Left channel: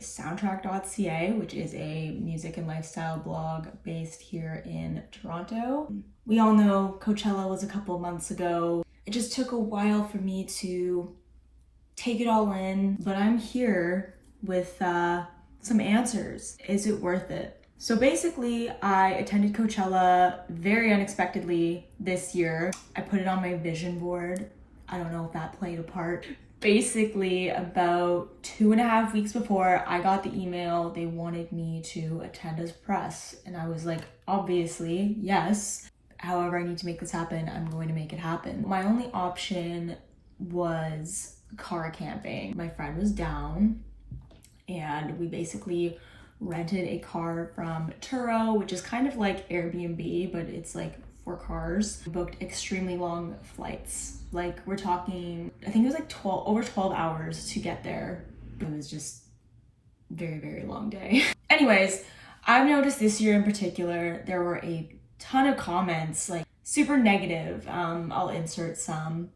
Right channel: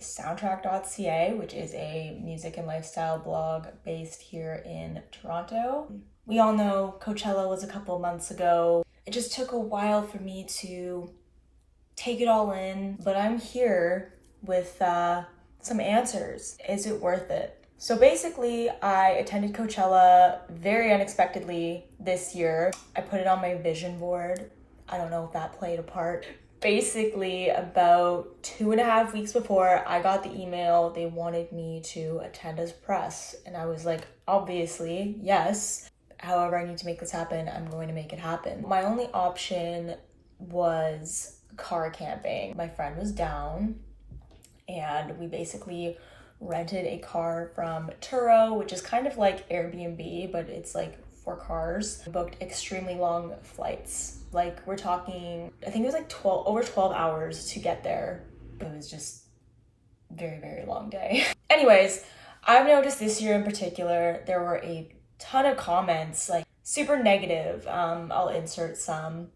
soundtrack.ca, which is a music and lifestyle blog based here in Toronto. We all know Coachella was a couple of months ago. It just took a while for me to take it all in, but I'm here with some answers. Is it worth it? So basically, I attended Coachella very unexpectedly this year. I put it on my vision board. I don't know if that played a part. Basically, about 2.5 weeks before I got the email, they wanted me to attend as press. And I was like, obviously, yes. However I need to make this happen, I'm going to make it happen. My only option was car camping. My friend was down and we basically rented a car from Turo, which is kind of like Airbnb, but it's like for cars. Booked extremely long flights. Like we're talking, I think it was like over 12 hours to get there. It was just very, very long day. Anyways, I've noticed this year in particular, there were a ton of comments, like super negative. I'll insert some.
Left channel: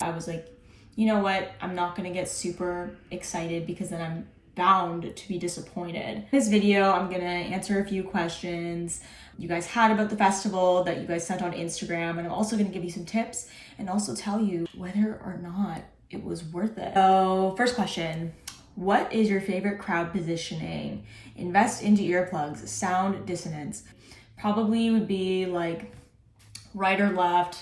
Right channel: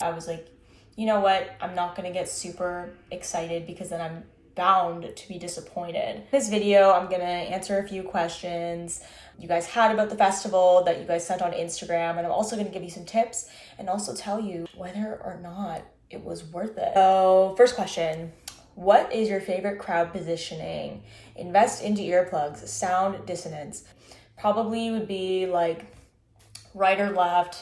I was like, you know what? I'm not gonna get super excited because then I'm bound to be disappointed. In this video, I'm gonna answer a few questions you guys had about the festival that you guys sent on Instagram, and I'm also gonna give you some tips and also tell you whether or not it was worth it. So first question, what is your favorite crowd positioning? Invest into earplugs, sound dissonance. Probably would be like right or left,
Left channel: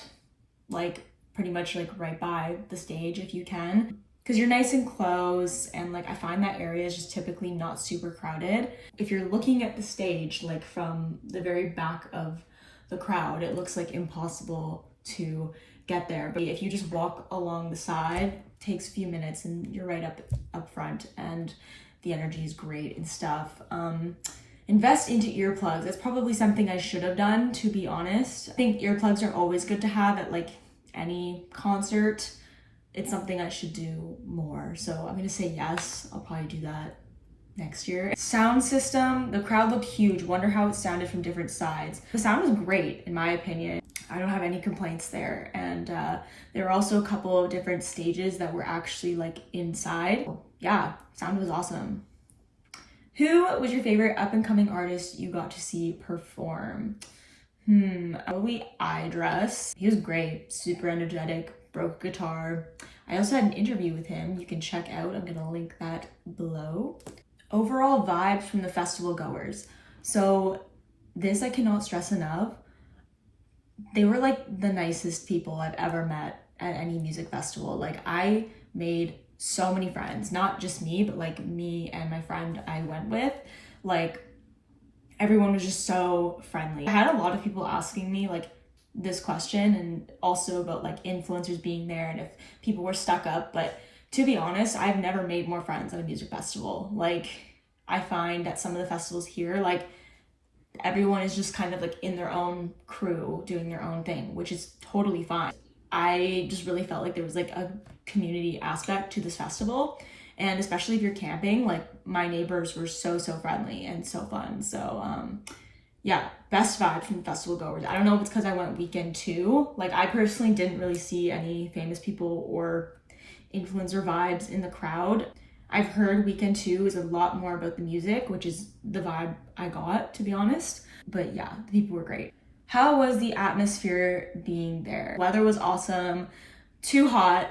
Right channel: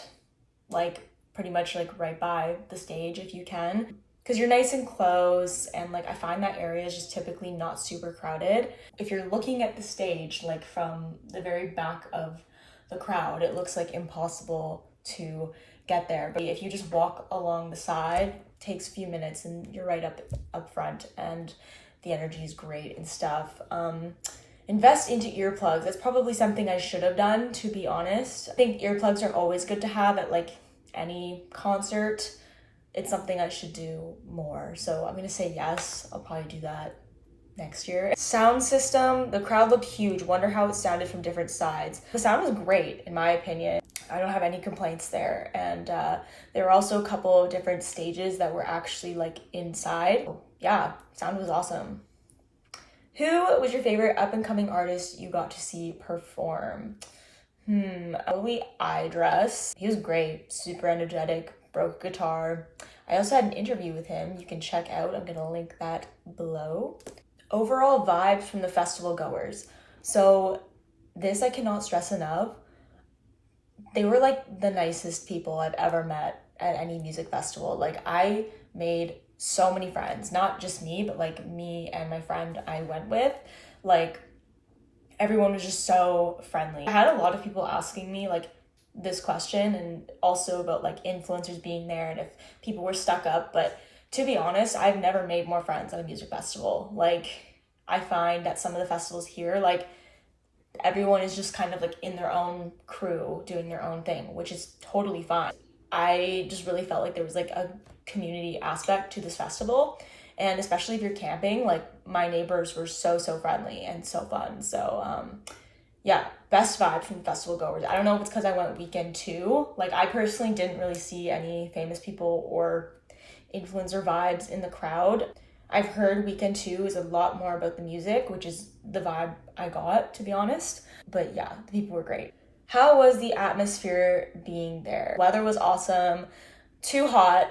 like pretty much like right by the stage if you can. Because you're nice and close, and like I find that area is just typically not super crowded. If you're looking at the stage like from the very back of the crowd, it looks like impossible to get there. But if you just walk along the side, it takes a few minutes and you're right up front, and the energy is great and stuff. Invest into earplugs. That's probably something I should have done, to be honest. I think earplugs are always good to have at like any concert. It's something I should do more. So I'm gonna say yes, I'll probably do that next year. Sound system, the crowd looked huge. Wonder how it sounded from different sides. The sound was great, in my opinion. I don't have any complaints there. And there were also a couple of different stages that were actually like inside. Yeah, sound was awesome. Who was your favorite up and coming artist you got to see perform? Probably iDress. He was great, super energetic, broke guitar. I also had an interview with him you can check out. I'm gonna link that below. Overall vibes from the festival goers. So this I cannot stress enough. They were like the nicest people I've ever met at any music festival. Like I made so many friends, not just me, but like me and my friend I went with. Like everyone was just so friendly. I had a lot of people asking me like this question, and also about like influencers being there and if people were stuck up. But to be honest, I've never made more friends at a music festival. Like I find that some of the festivals here, like everyone is just kind of like in their own crew doing their own thing, which is totally fine. I just really felt like there was like a community aspect to this festival, and especially if you're camping, like my neighbors were so friendly and so fun. So yeah, best vibe from the festival goers. I don't know if it's because I went weekend too. Like I personally didn't really see any famous people or influencer vibes in the crowd. I've heard weekend two is a lot more about the music, which is the vibe I got, to be honest. But yeah, the people were great. How was the atmosphere being there? Weather was awesome. Too hot,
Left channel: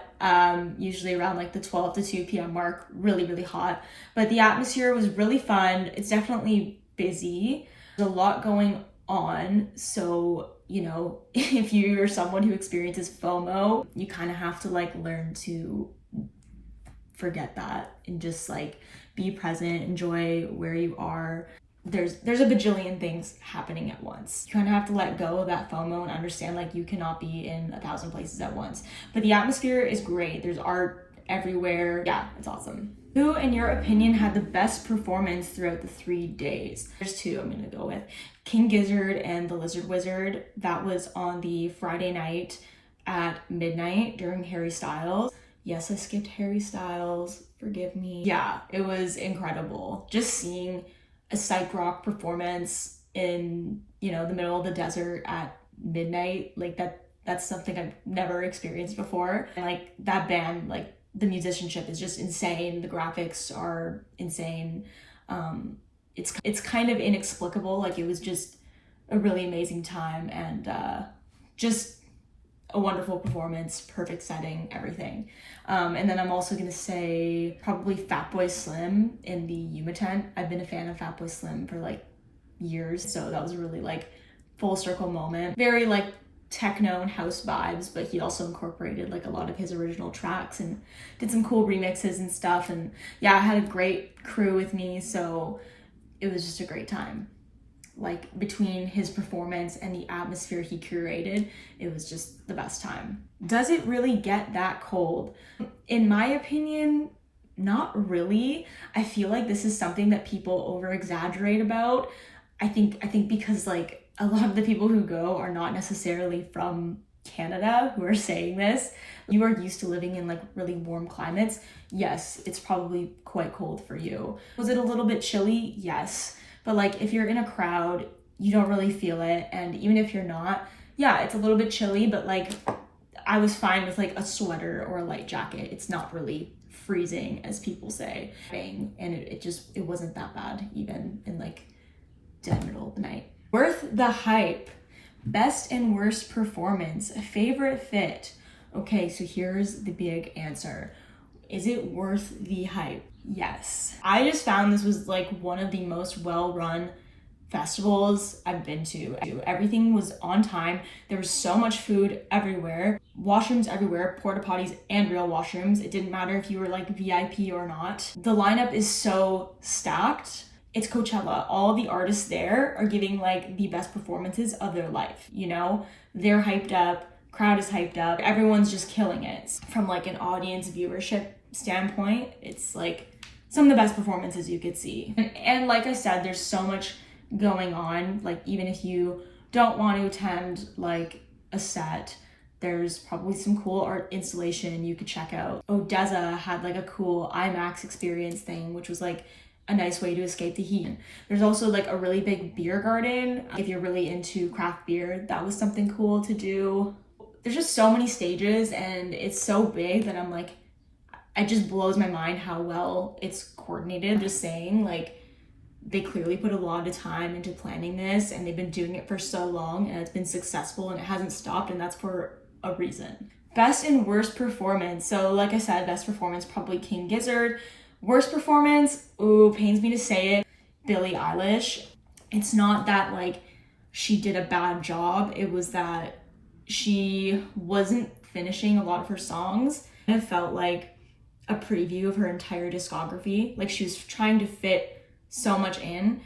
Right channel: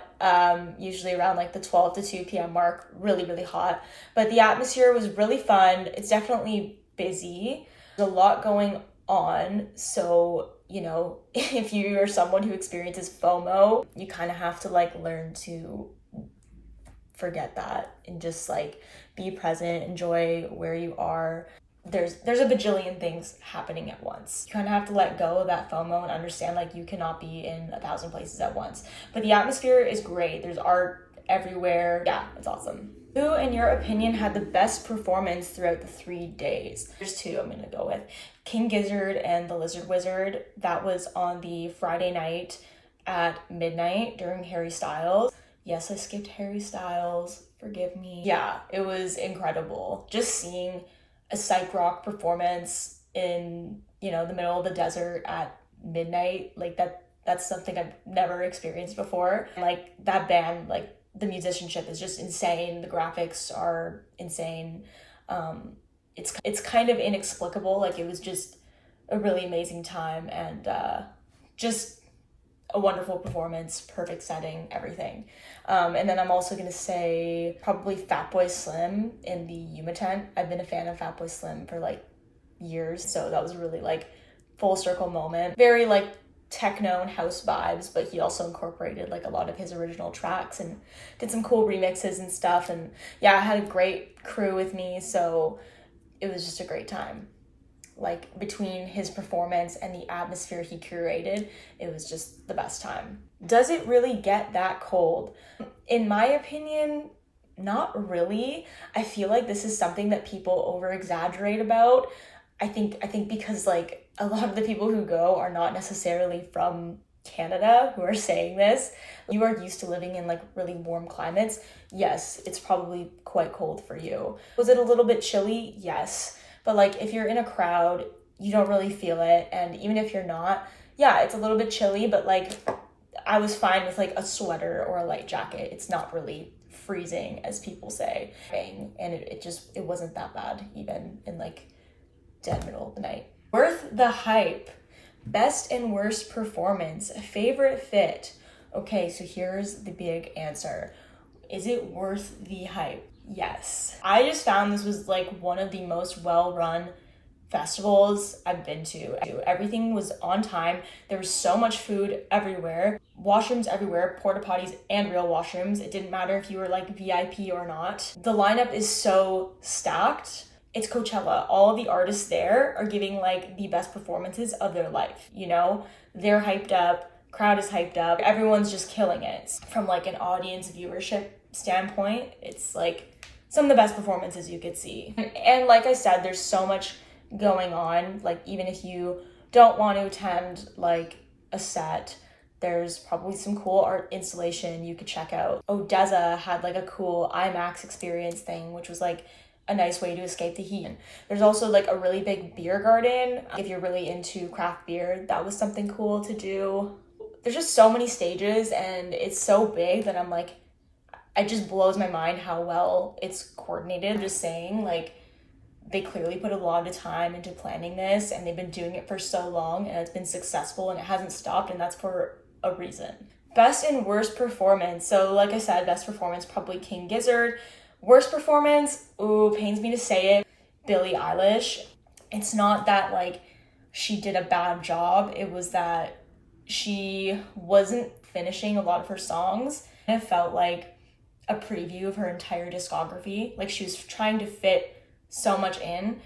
usually around like the 12 to 2 p.m. mark, really hot. But the atmosphere was really fun. It's definitely busy. There's a lot going on. So, you know, if you're someone who experiences FOMO, you kind of have to like learn to forget that and just like be present, enjoy where you are. There's a bajillion things happening at once. You kind of have to let go of that FOMO and understand like you cannot be in 1,000 places at once. But the atmosphere is great. There's art everywhere. Yeah, it's awesome. Who, in your opinion, had the best performance throughout the 3 days? There's two I'm gonna go with. King Gizzard and the Lizard Wizard. That was on the Friday night at midnight during Harry Styles. Yes, I skipped Harry Styles. Forgive me. Yeah, it was incredible. Just seeing a psych rock performance in, you know, the middle of the desert at midnight, like that's something I've never experienced before. Like that band like the musicianship is just insane. The graphics are insane. It's kind of inexplicable. Like, it was just a really amazing time, and just a wonderful performance, perfect setting, everything. And then I'm also gonna say probably Fatboy Slim in the Yuma tent. I've been a fan of Fatboy Slim for like years, so that was really like full circle moment. Very like techno and house vibes, but he also incorporated like a lot of his original tracks and did some cool remixes and stuff. And yeah, I had a great crew with me, so it was just a great time. Like, between his performance and the atmosphere he curated, it was just the best time. Does it really get that cold? In my opinion, not really. I feel like this is something that people over exaggerate about. I think because like a lot of the people who go are not necessarily from Canada who are saying this. You are used to living in like really warm climates. Yes, it's probably quite cold for you. Was it a little bit chilly? Yes. But like, if you're in a crowd, you don't really feel it. And even if you're not, yeah, it's a little bit chilly, but like, I was fine with like a sweater or a light jacket. It's not really freezing, as people say. And it wasn't that bad, even in like dead middle of the night. Worth the hype. Best and worst performance. Favorite fit. Okay, so here's the big answer. Is it worth the hype? Yes. I just found this was like one of the most well-run festivals I've been to. Everything was on time. There was so much food everywhere, washrooms everywhere, porta potties and real washrooms. It didn't matter if you were like VIP or not. The lineup is so stacked. It's Coachella. All the artists there are giving like the best performances of their life. You know, they're hyped up, crowd is hyped up, everyone's just killing it. From like an audience viewership standpoint, it's like some of the best performances you could see. And like I said, there's so much going on. Like, even if you don't want to attend like a set, there's probably some cool art installation you could check out. Odessa had like a cool IMAX experience thing, which was like a nice way to escape the heat. There's also like a really big beer garden. If you're really into craft beer, that was something cool to do. There's just so many stages, and it's so big that I'm like, it just blows my mind how well it's coordinated. I'm just saying, like, they clearly put a lot of time into planning this, and they've been doing it for so long, and it's been successful, and it hasn't stopped, and that's for a reason. Best and worst performance. So like I said, best performance, probably King Gizzard. Worst performance, ooh, pains me to say it, Billie Eilish. It's not that like she did a bad job, it was that she wasn't finishing a lot of her songs. It felt like a preview of her entire discography. Like, she was trying to fit so much in,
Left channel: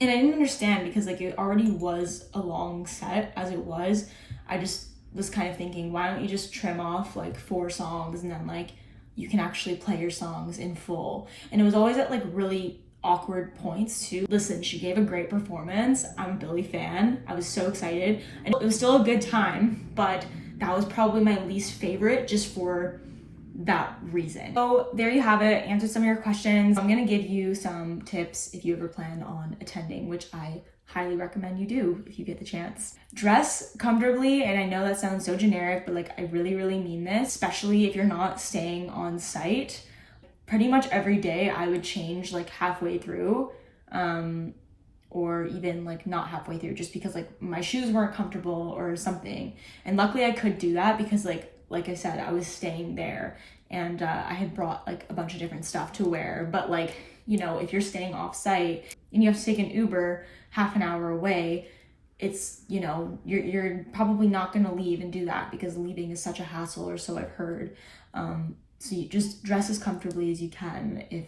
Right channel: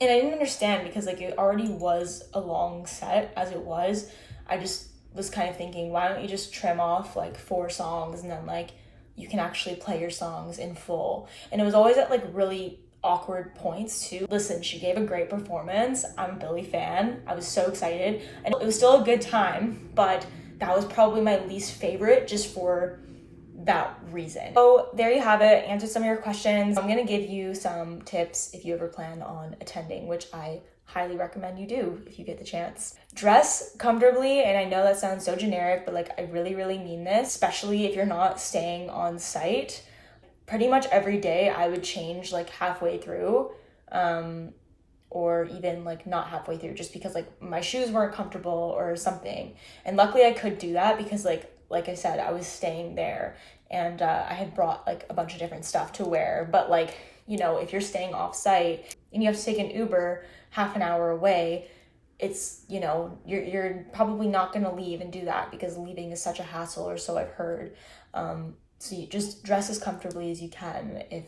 and I didn't understand, because like it already was a long set as it was. I just was kind of thinking, why don't you just trim off like 4 songs, and then like you can actually play your songs in full. And it was always at like really awkward points too. Listen, she gave a great performance. I'm a Billie fan. I was so excited, and it was still a good time, but that was probably my least favorite, just for that reason. So there you have it. Answered some of your questions. I'm gonna give you some tips if you ever plan on attending, which I highly recommend you do if you get the chance. Dress comfortably, and I know that sounds so generic, but like, I really, really mean this, especially if you're not staying on site. Pretty much every day I would change like halfway through, or even like not halfway through, just because like my shoes weren't comfortable or something. And luckily I could do that, because like I said, I was staying there, and I had brought like a bunch of different stuff to wear. But like, you know, if you're staying off site and you have to take an Uber half an hour away, it's, you know, you're probably not going to leave and do that, because leaving is such a hassle, or so I've heard. So you just dress as comfortably as you can if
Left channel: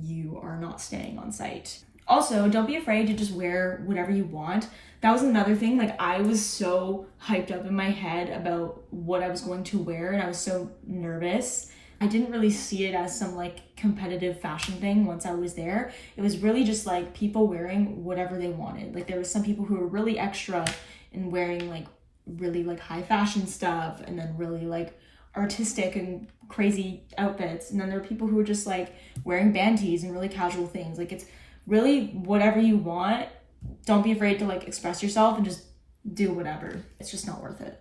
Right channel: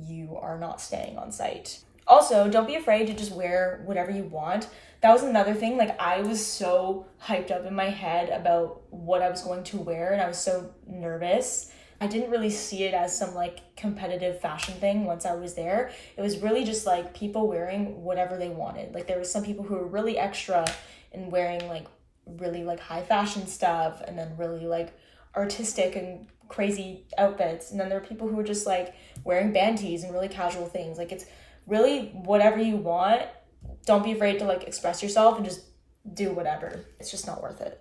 you are not staying on site. Also, don't be afraid to just wear whatever you want. That was another thing. Like, I was so hyped up in my head about what I was going to wear, and I was so nervous. I didn't really see it as some like competitive fashion thing once I was there. It was really just like people wearing whatever they wanted. Like, there was some people who were really extra and wearing like really like high fashion stuff, and then really like artistic and crazy outfits. And then there were people who were just like wearing band tees and really casual things. Like, it's really whatever you want. Don't be afraid to like express yourself, and just do whatever. It's just not worth it.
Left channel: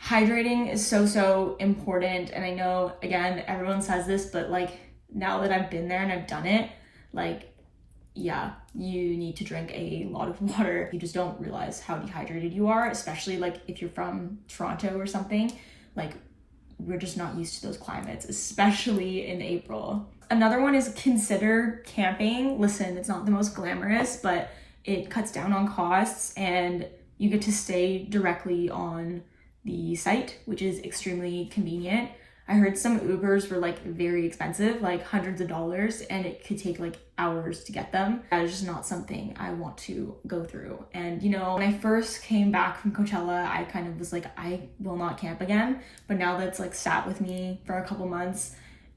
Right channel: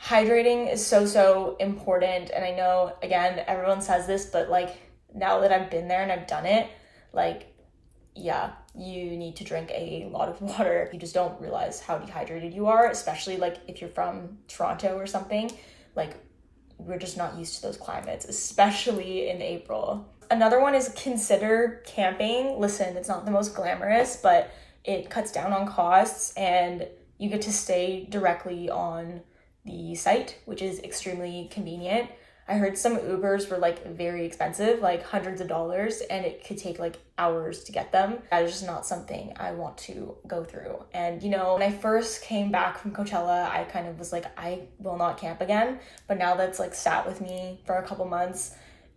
Hydrating is so important, and I know, again, everyone says this, but like now that I've been there and I've done it, like, yeah, you need to drink a lot of water. You just don't realize how dehydrated you are, especially like if you're from Toronto or something. Like, we're just not used to those climates, especially in April. Another one is consider camping. Listen, it's not the most glamorous, but it cuts down on costs and you get to stay directly on the site, which is extremely convenient. I heard some Ubers were like very expensive, like hundreds of dollars, and it could take like hours to get them. That is just not something I want to go through. And you know, when I first came back from Coachella, I kind of was like, I will not camp again. But now that's like sat with me for a couple months,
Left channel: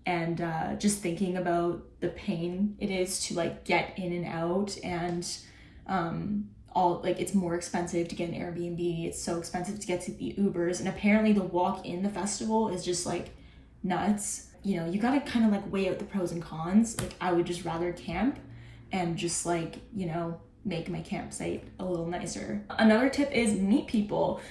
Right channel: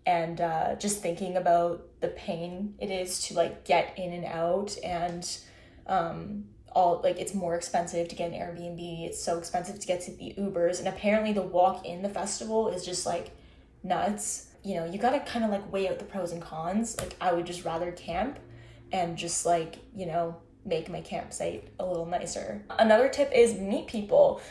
and just thinking about the pain it is to like get in and out, and all like it's more expensive to get an Airbnb. It's so expensive to get to the Ubers, and apparently the walk in the festival is just like nuts. You know, you gotta kind of like weigh out the pros and cons. Like, I would just rather camp and just like, you know, make my campsite a little nicer. Another tip is meet people.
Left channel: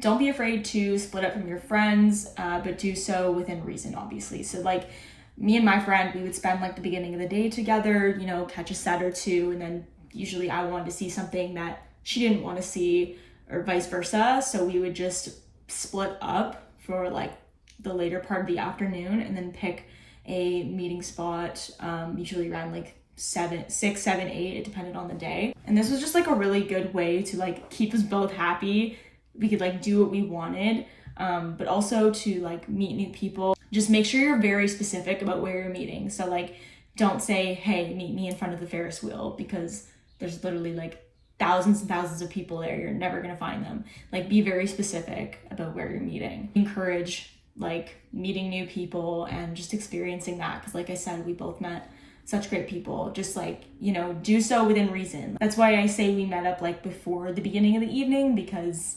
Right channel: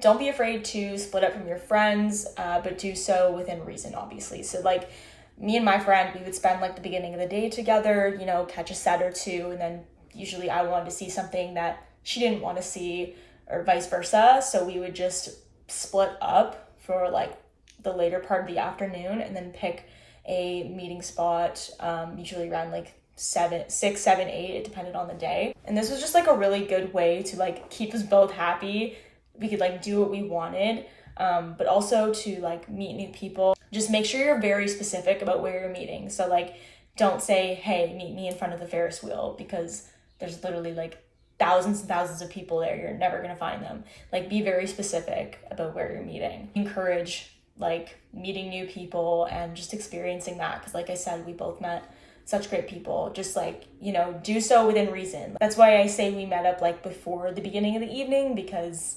Don't be afraid to split up from your friends, but do so within reason, obviously. So like me and my friend, we would spend like the beginning of the day together, you know, catch a set or two, and then usually I wanted to see something that she didn't want to see, or vice versa. So we would just split up for like the later part of the afternoon and then pick a meeting spot, usually around like 6, 7, 8, it depended on the day. And this was just like a really good way to like keep us both happy. We could like do what we wanted, but also to like meet new people. Just make sure you're very specific about where you're meeting. So like, don't say, hey, meet me in front of the Ferris wheel, because there's literally like thousands and thousands of people there. You're never gonna find them. Like, be very specific about where you're meeting. Encourage like meeting new people and just experiencing that, because like I said, we both met such great people. Just like, you know, do so within reason. That's why I say we met up like before the beginning of the evening, because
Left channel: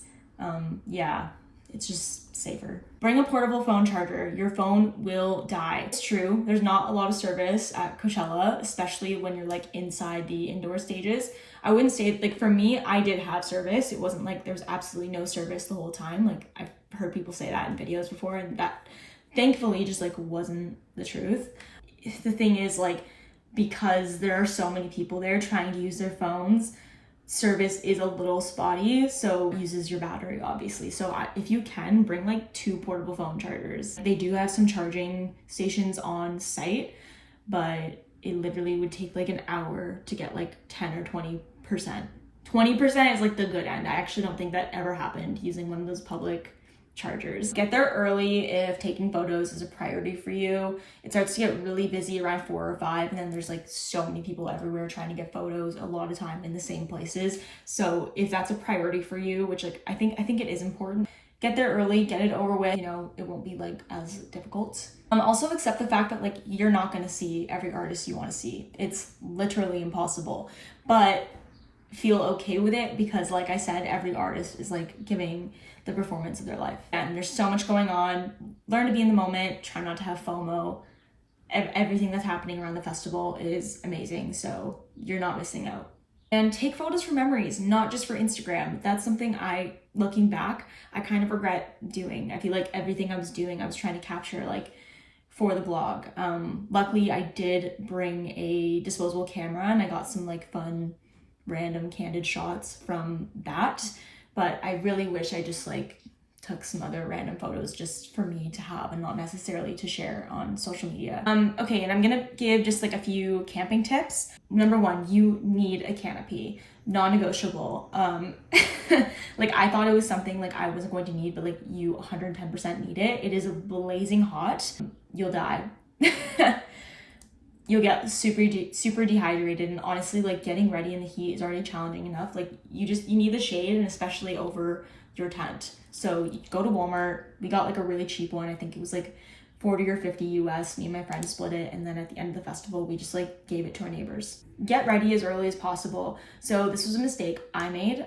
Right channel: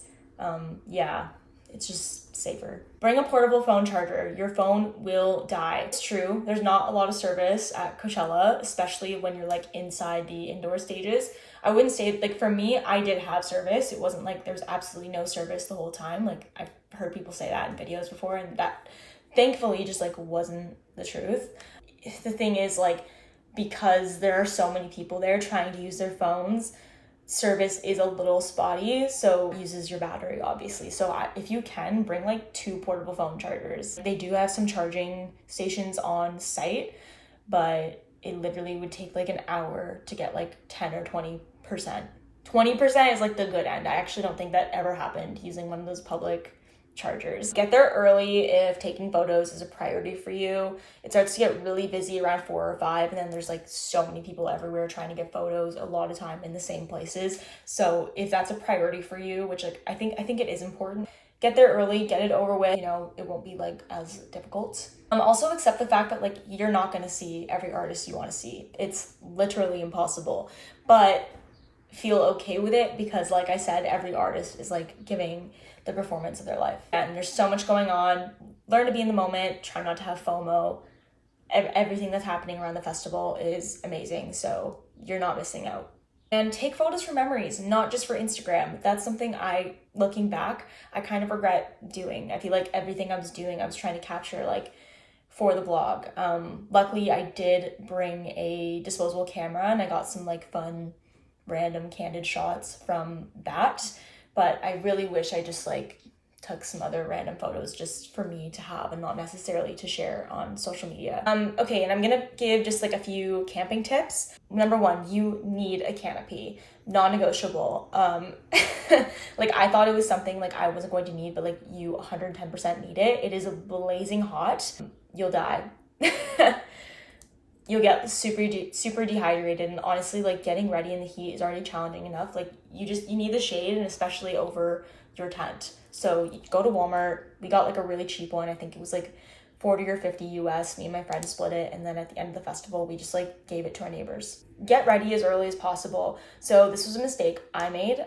yeah, it's just safer. Bring a portable phone charger. Your phone will die. It's true, there's not a lot of service at Coachella, especially when you're like inside the indoor stages. I wouldn't say, like, for me, I did have service. It wasn't like there was absolutely no service the whole time. Like, I've heard people say that in videos before, and that thankfully just like wasn't the truth. The thing is, like, because there are so many people there trying to use their phones, service is a little spotty, so it uses your battery, obviously. So if you can, bring like 2 portable phone chargers. They do have some charging stations on site, but it literally would take like an hour to get like 10 or 20%. 20% is like the good end. I actually don't think that ever happened using one of those public chargers. Get there early if taking photos is a priority for you. It starts to get really busy around 4 or 5, and then there's like so many people everywhere trying to get photos, a lot of time in the same places. So if that's a priority for you, which like I think it is important, get there early, get it over with. You know, it won't be like as difficult. Also accept the fact that like you're not going to see every artist you want to see. It's literally impossible, but feel okay with it, because like I said, every artist is like giving the performance of their life, and there's so much going on. Learn to be in the moment, try not to have FOMO. Everything that's happening around the festival is amazing, so you're not missing out. And take photos for memories, not just for Instagram. That's something looking back, I kind of regret doing. I feel like everything I was doing, I was trying to capture like for the blog. Luckily I did bring a disposable camera, and I got some like fun random candid shots from that, but I really wish I just like took some other random photos just for me to have and not necessarily to share on social media. Okay, and I'm gonna give just like a few camping tips. Number 1, you need a canopy, non-negotiable. Like, I thought it was something like I wasn't going to need, but like you 110% need it. It is blazing hot. You'll die. You'll get super dehydrated, and honestly, like, getting ready in the heat is already challenging enough. Like, you need the shade, and especially over your tent. So you go to Walmart. We got like a really cheap one. I think it was like 40 or 50 US. Me and my friend split it, and then at the end of the festival, we just like gave it to our neighbors. Get ready as early as possible. So this was a mistake I made.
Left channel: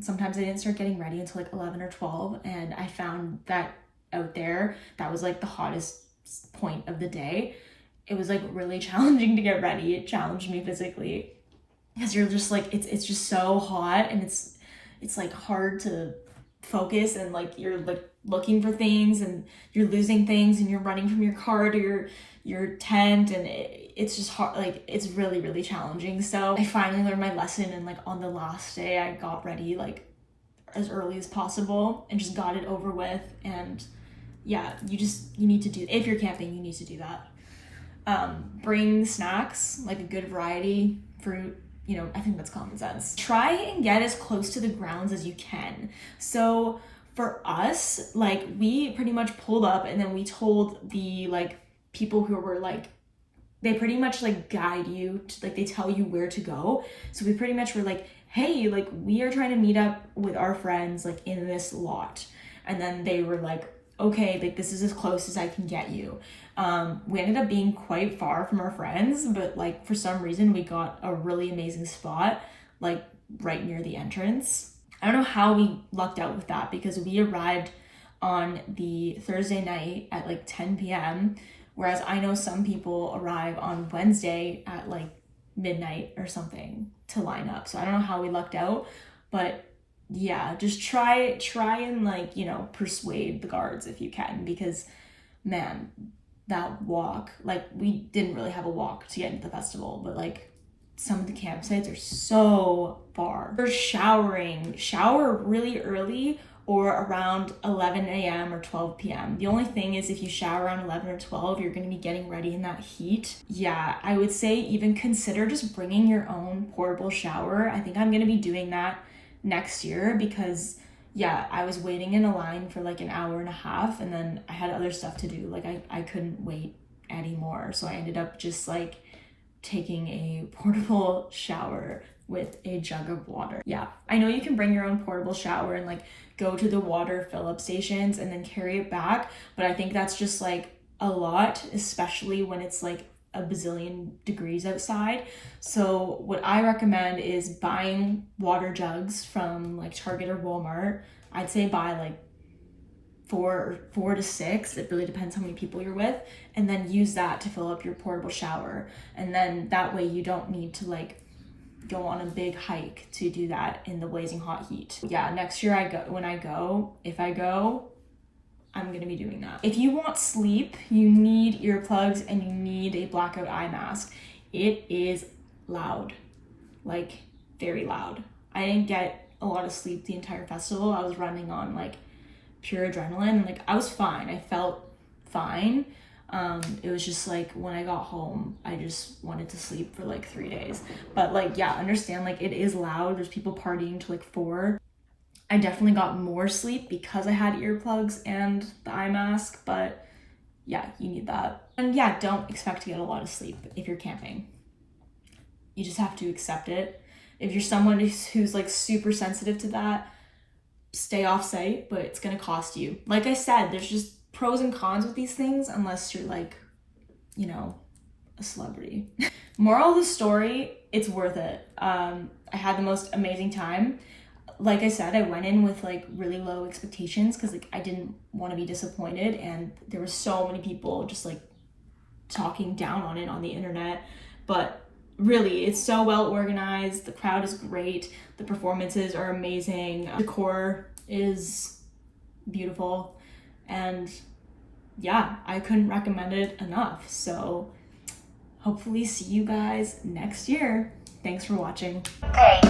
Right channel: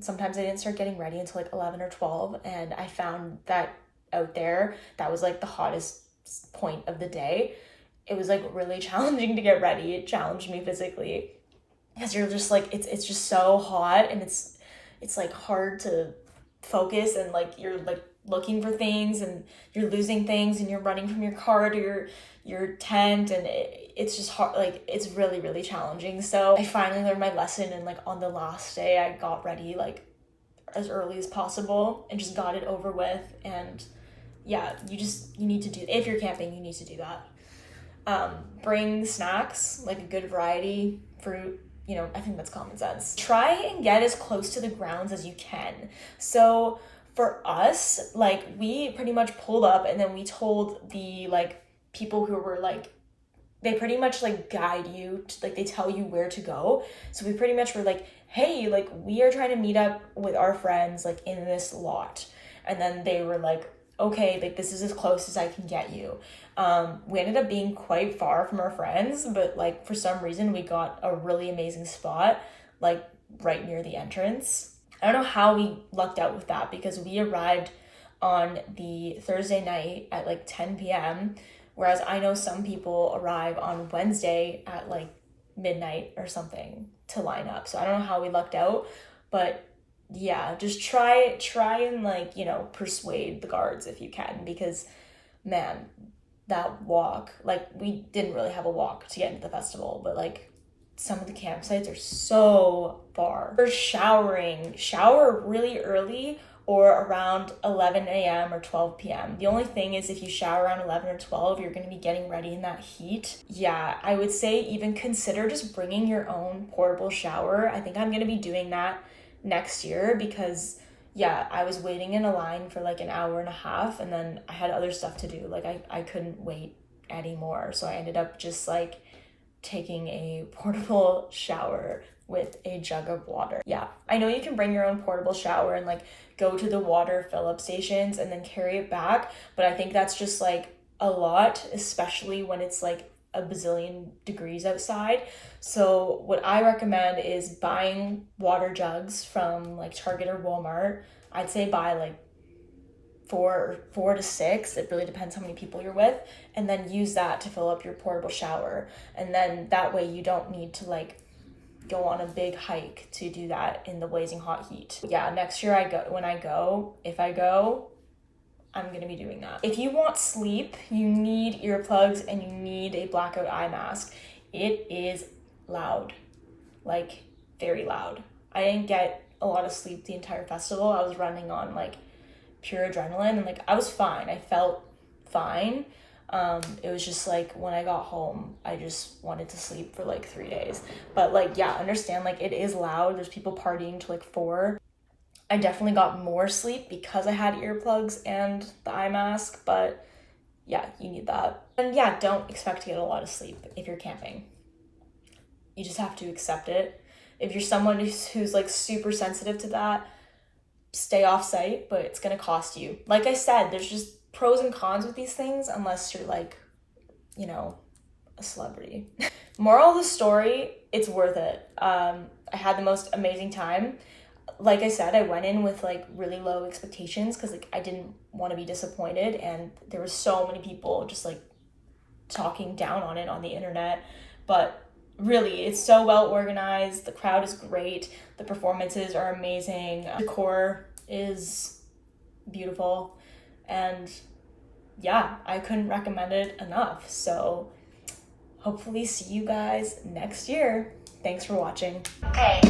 Sometimes I didn't start getting ready until like 11 or 12, and I found that out there, that was like the hottest point of the day. It was like really challenging to get ready. It challenged me physically, because you're just like, it's just so hot, and it's like hard to focus, and like you're like looking for things and you're losing things and you're running from your car to your tent, and it's just hard. Like, it's really, really challenging. So I finally learned my lesson, and like on the last day I got ready like as early as possible and just got it over with. And yeah, you need to do, if you're camping, you need to do that. Bring snacks, like a good variety, fruit, you know, I think that's common sense. Try and get as close to the grounds as you can. So for us, like, we pretty much pulled up and then we told the like people who were like, they pretty much like guide you to, like, they tell you where to go. So we pretty much were like, hey, like, we are trying to meet up with our friends like in this lot. And then they were like, okay, like, this is as close as I can get you. We ended up being quite far from our friends, but like for some reason we got a really amazing spot like right near the entrance. I don't know how we lucked out with that, because we arrived on the Thursday night at like 10 p.m. Whereas I know some people arrive on Wednesday at like midnight or something to line up. So I don't know how we lucked out, but yeah, just try and like, you know, persuade the guards if you can, because man, that walk, like, we didn't really have a walk to get into the festival, but like some of the campsites are so far. For showering, shower really early or around 11 a.m. or 12 p.m. The only thing is, if you shower around 11 or 12, you're going to be getting ready in that heat. Yeah, I would say even consider just bringing your own portable shower. I think I'm going to be doing that next year, because yeah, I was waiting in a line for like an hour and a half, and then I had other stuff to do. Like, I couldn't wait anymore. So I ended up just like taking a portable shower with a jug of water. Yeah, I know you can bring your own portable shower and like go to the water fill-up stations and then carry it back, but I think that's just like a lot, especially when it's like a bazillion degrees outside. So what I recommend is buying water jugs from like Target or Walmart. I'd say buy like four to six. It really depends how many people you're with, and then use that to fill up your portable shower. And then that way you don't need to like go on a big hike to do that in the blazing hot heat. Yeah, next year if I go, I'm gonna be doing that. If you want sleep, you need earplugs and you need a blackout eye mask. It is loud, like very loud. I didn't get a lot of sleep the entire festival. I was running on like pure adrenaline, and like I was fine. I felt fine. It was just like when I got home, I just wanted to sleep for like 3 days. But like, yeah, understand, like, it is loud. There's people partying to like 4. I definitely got more sleep because I had earplugs and the eye mask, but yeah, you need that. And yeah, don't expect to get a lot of sleep if you're camping. You just have to accept it. If you're someone who's like super sensitive to that, stay off site, but it's gonna cost you. Like I said, there's just pros and cons with these things, unless you're like, you know, a celebrity. Moral of the story, it's worth it. I had the most amazing time. Like I said, I went in with like really low expectations because like I didn't want to be disappointed, and there were so many people just like talking down on it on the internet. But really, it's so well organized. The crowd is great. The performances are amazing. The decor is beautiful. And yeah, I couldn't recommend it enough. So hopefully see you guys next year. Thanks for watching. Okay.